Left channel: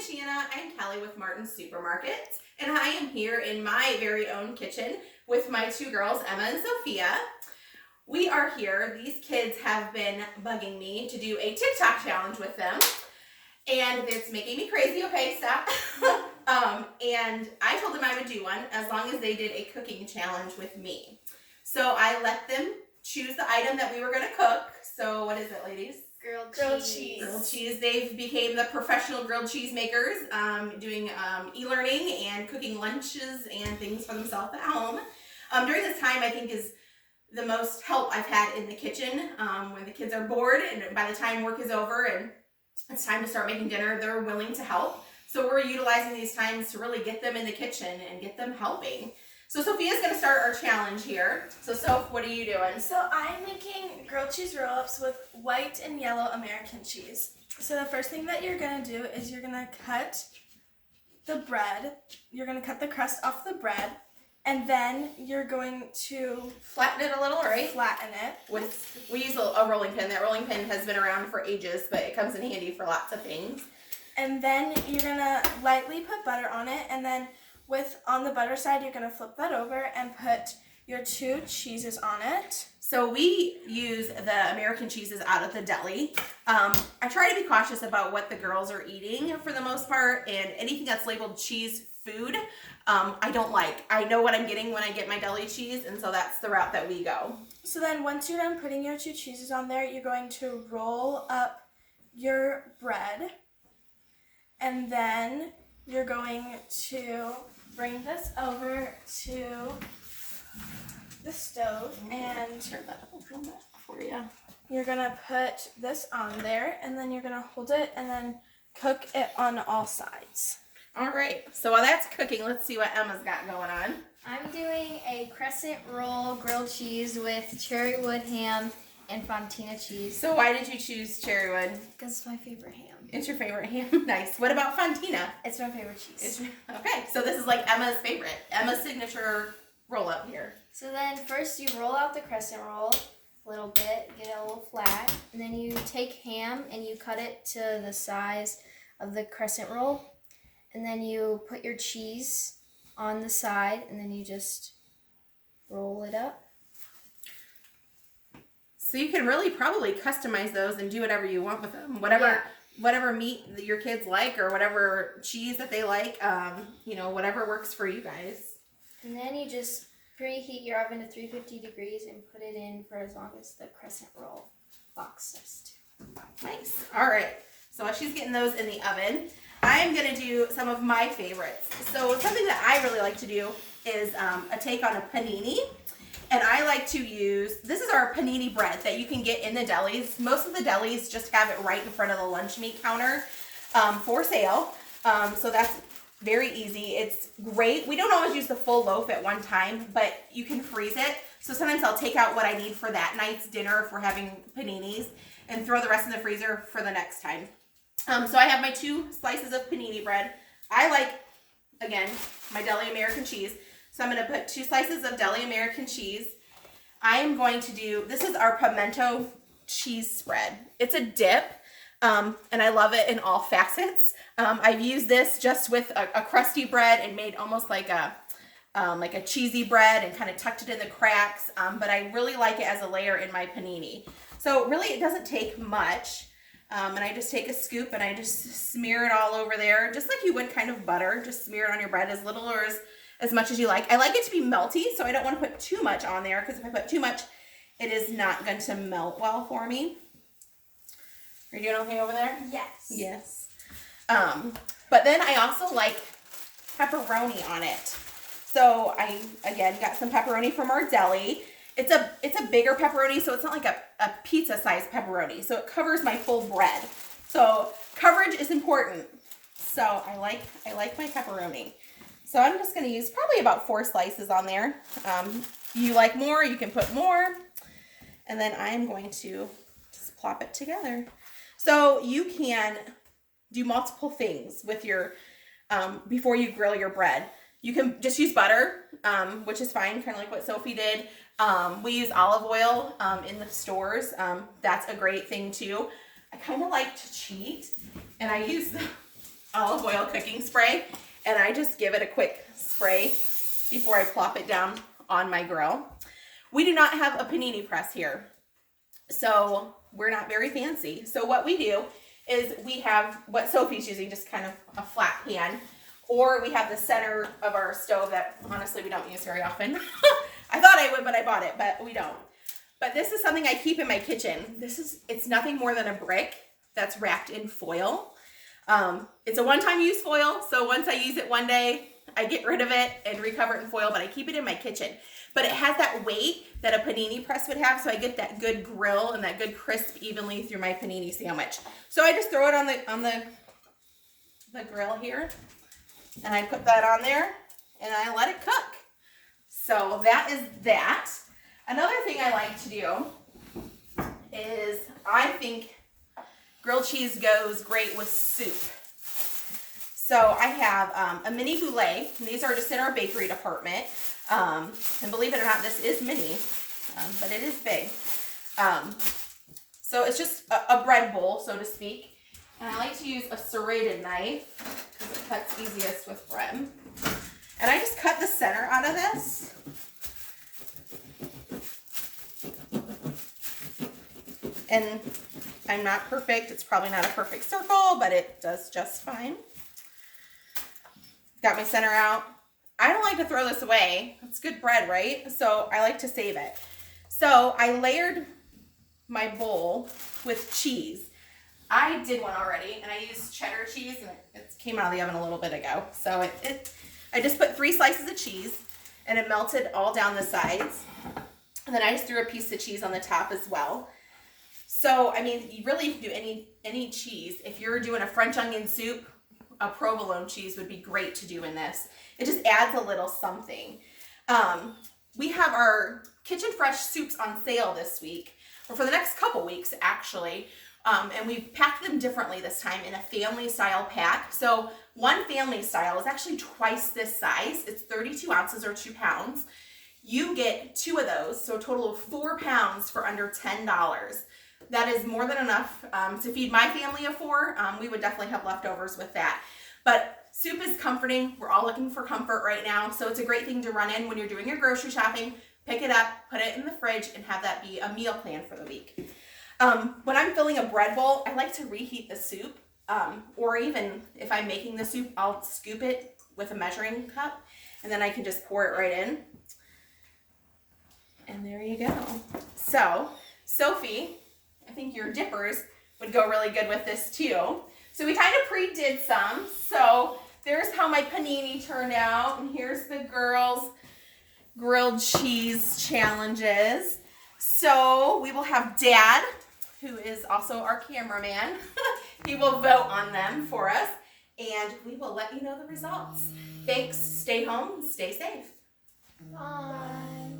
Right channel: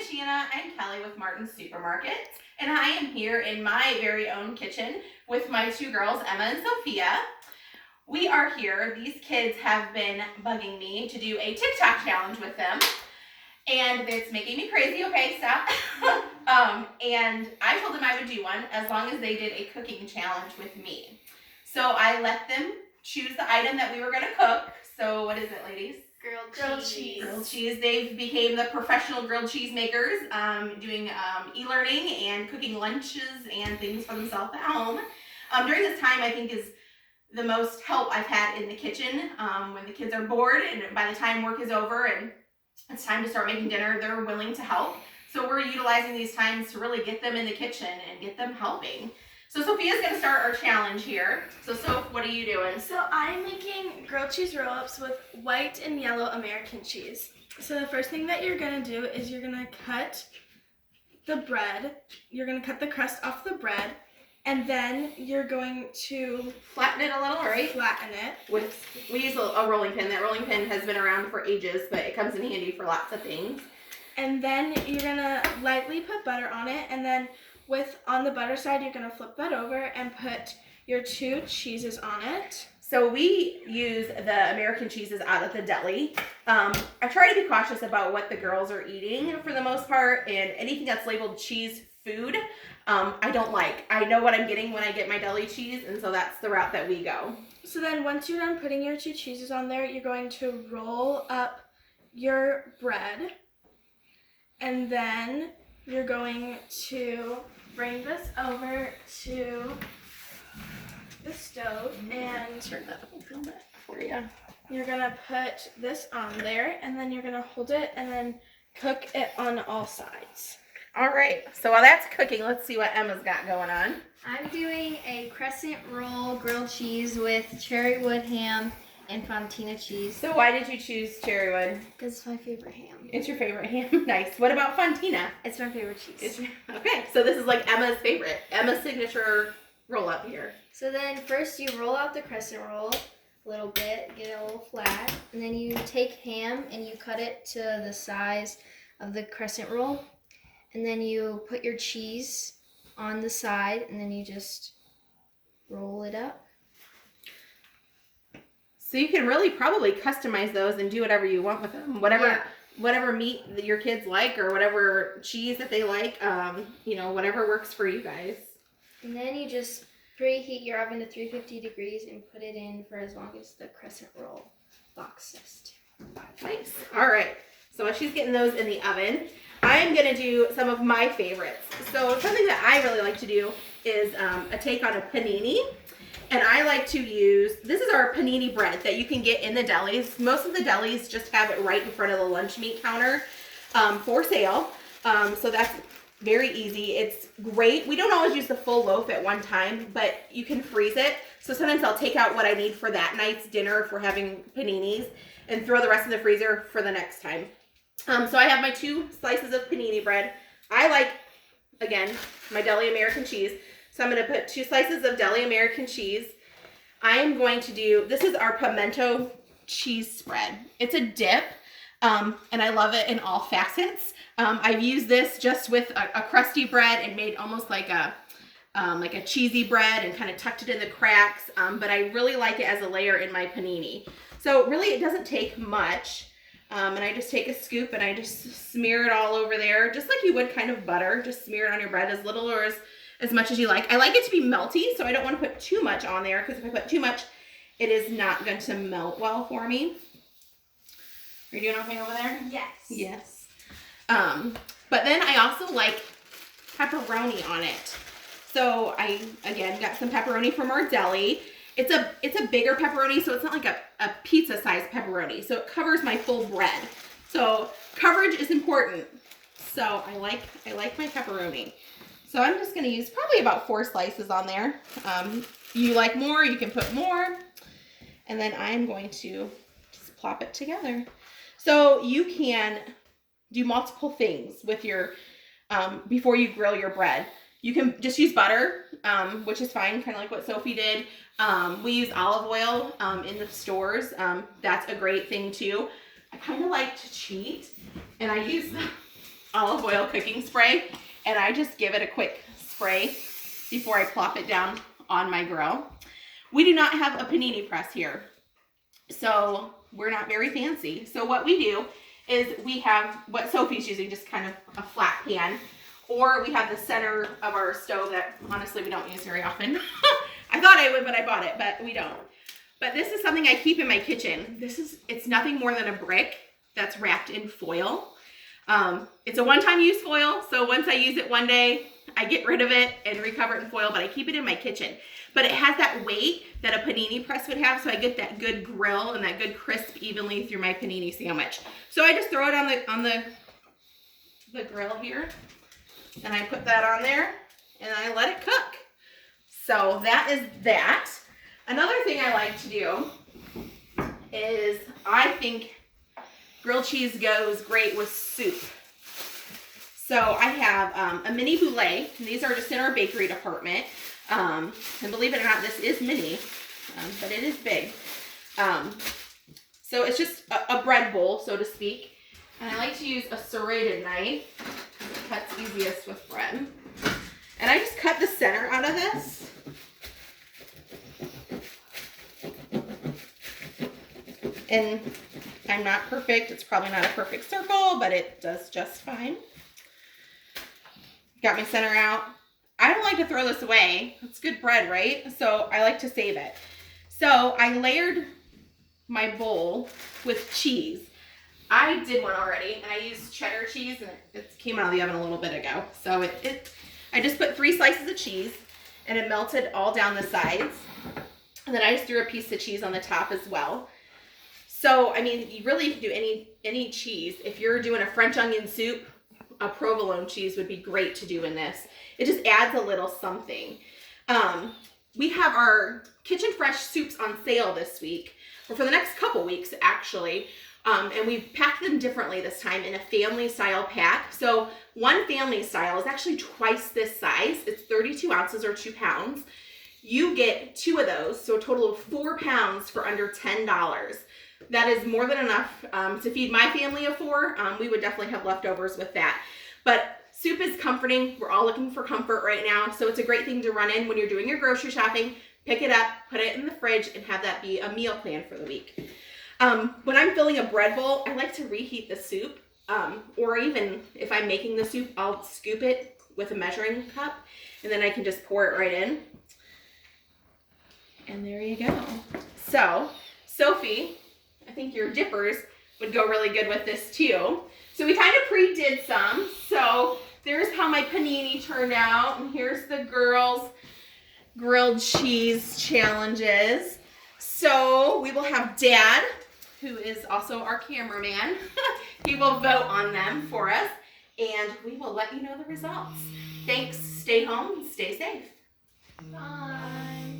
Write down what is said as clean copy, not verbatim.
is Shanna and Kelly with Martin's Supermarket, and I am here in my very own kitchen with my two girls, Emma and Sophia. We are here. These kids have been bugging me to do a TikTok challenge with them, and it's making me crazy. Okay, stop. And I told them I would do one as long as they did a cooking challenge with me. So I let them choose the item that we were going to cook. So what is it, ladies? Grilled cheese. Grilled cheese. They've became the professional grilled cheese makers, doing e-learning and cooking lunches and things for themselves at home. During this time, I think is the most help I've had in the kitchen. When the kids are bored and by the time work is over and it's time to start making dinner, they're willing to help. So we're utilizing these times to really get them in the kitchen and get them helping. So Sophia's going to start our challenge here. So Soph, what are you doing? So I'm making grilled cheese roll-ups with white and yellow American cheese. So the first thing that you're going to do is you're going to cut the bread. You're going to cut the crust off the bread. And then you're going to flatten it a little, right? Flatten it. We use a rolling pin. That rolling pin has been around for ages, but it comes in handy for lots of things. And then you're going to lightly put butter on it, and then on the butter side, you're going to flip that over and put your two cheeses on it. So we use the American cheeses out of the Deli. I try to be cautious about what the girls are eating for the most part, and anything that's labeled cheese food, I don't like. I know what I'm getting when I get my Deli cheese, and so that's the route that we go. So then once you're done putting your two cheeses on there, you're going to roll up your bread, and then you're going to bring this over to the stove and turn that up a little bit for you. You're gonna put this on there, and then you're gonna hold it and then cook it on all sides. All right, so while that's cooking, let's see what Emma's got going on. I'm doing a crescent roll grilled cheese with cherrywood ham and fontina cheese. So why did you choose cherrywood? Because it's my favorite ham. It's your favorite ham? Nice. What about fontina? It's my favorite cheese. Okay, so this is like Emma's favorite. Emma's signature roll-up here. So then first you roll out the crescent roll a little bit, get it a little flat, and then you take ham and you cut it to the size of the crescent roll, and then you put your cheese on the side, and then you just roll it up. So you can really probably customize those and do whatever you want with them. Whatever meat that your kids like or whatever cheese that they like, whatever works for you guys. And then you just preheat your oven to 350 degrees and put it in for as long as the crescent roll box says to. Nice. All right. So while she's getting those in the oven, I'm going to do some of my favorites. So something that I really like to do is a take on a panini. And I like to use, this is our panini bread that you can get in the delis. Most of the delis just have it right in front of the lunch meat counter for sale. So that's very easy. It's great. We don't always use the full loaf at one time, but you can freeze it. So sometimes I'll take out what I need for that night's dinner if we're having paninis and throw the rest in the freezer for the next time. So I have my 2 slices of panini bread. I like, again, my Deli American cheese. So I'm going to put 2 slices of Deli American cheese. I'm going to do, this is our pimento cheese spread. It's a dip, and I love it in all facets. I've used this just with a crusty bread and made almost like a cheesy bread and kind of tucked it in the cracks, but I really like it as a layer in my panini. So really it doesn't take much, and I just take a scoop and I just smear it all over there, just like you would kind of butter. Just smear it on your bread as little or as much as you like. I like it to be melty, so I don't want to put too much on there, because if I put too much, it is not going to melt well for me. Are you doing okay over there? Yes. Yes. But then I also like pepperoni on it. So I, again, got some pepperoni from our deli. It's a bigger pepperoni, so it's not like a pizza-sized pepperoni. So it covers my full bread. So coverage is important. So I like my pepperoni. So I'm just going to use probably about 4 slices on there. You like more, you can put more. And then I'm going to just plop it together. So you can do multiple things with your, before you grill your bread. You can just use butter, which is fine, kind of like what Sophie did. We use olive oil in the stores. That's a great thing too. I kind of like to cheat, and I use olive oil cooking spray, and I just give it a quick spray before I plop it down on my grill. We do not have a panini press here, so we're not very fancy. So what we do is we have what Sophie's using, just kind of a flat pan, or we have the center of our stove that honestly we don't use very often. I thought I would, but I bought it, but we don't. But this is something I keep in my kitchen. It's nothing more than a brick that's wrapped in foil. It's a one-time use foil, so once I use it one day, I get rid of it and recover it in foil, but I keep it in my kitchen. But it has that weight that a panini press would have, so I get that good grill and that good crisp evenly through my panini sandwich. So I just throw it on the grill here, and I put that on there, and I let it cook. So that is that. Another thing I like to do is I think grilled cheese goes great with soup. So I have a mini boulé. These are just in our bakery department. And believe it or not, this is mini, but it is big. So it's just a bread bowl, so to speak. And I like to use a serrated knife because it cuts easiest with bread. And I just cut the center out of this. And I'm not perfect. It's probably not a perfect circle, but it does just fine. Got my center out. I don't like to throw this away. It's good bread, right? So I like to save it. So I layered my bowl with cheese. I did one already, and I used cheddar cheese, and it came out of the oven a little bit ago. So I just put 3 slices of cheese, and it melted all down the sides. And then I just threw a piece of cheese on the top as well. So, I mean, you really can do any cheese. If you're doing a French onion soup, a provolone cheese would be great to do in this. It just adds a little something. We have our Kitchen Fresh soups on sale this week, or for the next couple weeks, actually. And we've packed them differently this time in a family style pack. So one family style is actually twice this size. It's 32 ounces or 2 pounds. You get 2 of those, so a total of 4 pounds for under $10. That is more than enough to feed my family of 4. We would definitely have leftovers with that. But soup is comforting. We're all looking for comfort right now. So it's a great thing to run in when you're doing your grocery shopping. Pick it up, put it in the fridge, and have that be a meal plan for the week. When I'm filling a bread bowl, I like to reheat the soup. Or even if I'm making the soup, I'll scoop it with a measuring cup. And then I can just pour it right in. And there you go. So, Sophie, I think your dippers would go really good with this too. So we kind of pre-did some. So there's how my panini turned out. And here's the girls' grilled cheese challenges. So we will have Dad, who is also our cameraman. He will vote on them for us. And we will let you know the results. Thanks. Stay home. Stay safe. Bye.